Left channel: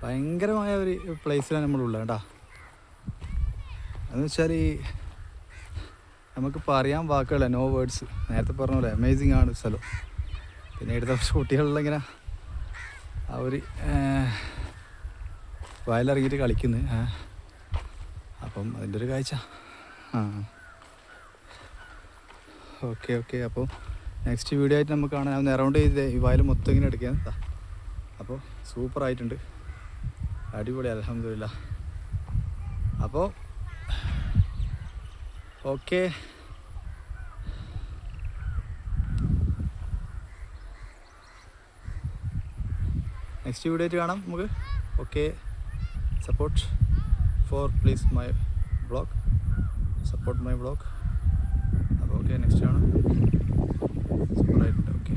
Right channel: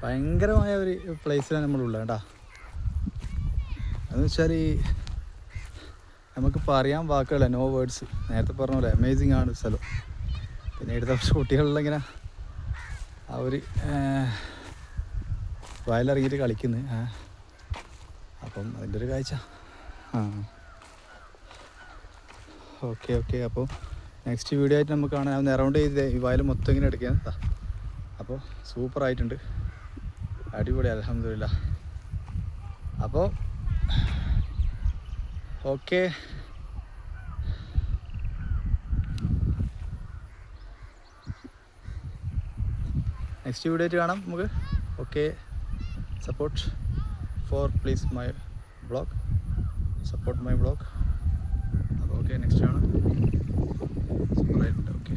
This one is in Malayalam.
ഭയങ്കരമായ ഒരു പ്ലേസിലാണ് നമ്മളുള്ളത് കേട്ടോ. എന്ന് വെച്ചാൽ നമുക്കിപ്പോൾ അറിയാൻ വാക്കുകളില്ല, നോ വേർഡ്സ്. നേരത്തെ പറഞ്ഞ പോലെ അമേസിങ് ആണ് സ്ഥലം. പിന്നെ ഇവിടുത്തെ കുറച്ച് കുട്ടികളിലിങ്ങനെ ആ ഒരു വയലിറങ്ങിയിട്ട് കളിക്കുന്നു. അപ്പം അതിൻ്റെ ഒരു കാഴ്ച. ഓക്കെ. അപ്പോൾ നെക്സ്റ്റ് വീഡിയോ ആയിട്ട് നമുക്ക് കാണാൻ. ഞാൻ അറൗണ്ട് ചെയ്ത് ഈ വയൽ മൊത്തം ഇങ്ങനെ എടുക്കാൻ. അപ്പോൾ സൂപ്പറായിട്ടുണ്ട്, അടിപൊളി, അൽഹംദുലില്ലാ. അപ്പോൾ ഓക്കെ, നെക്സ്റ്റ് വീഡിയോ ആയിട്ട് കാണാം നമുക്ക്. Okay, support please my blog, support my blog. അപ്പോൾ ഓക്കെ, നെക്സ്റ്റ് കാണാം. സൂപ്പറായിട്ടുണ്ട്. ഓക്കെ.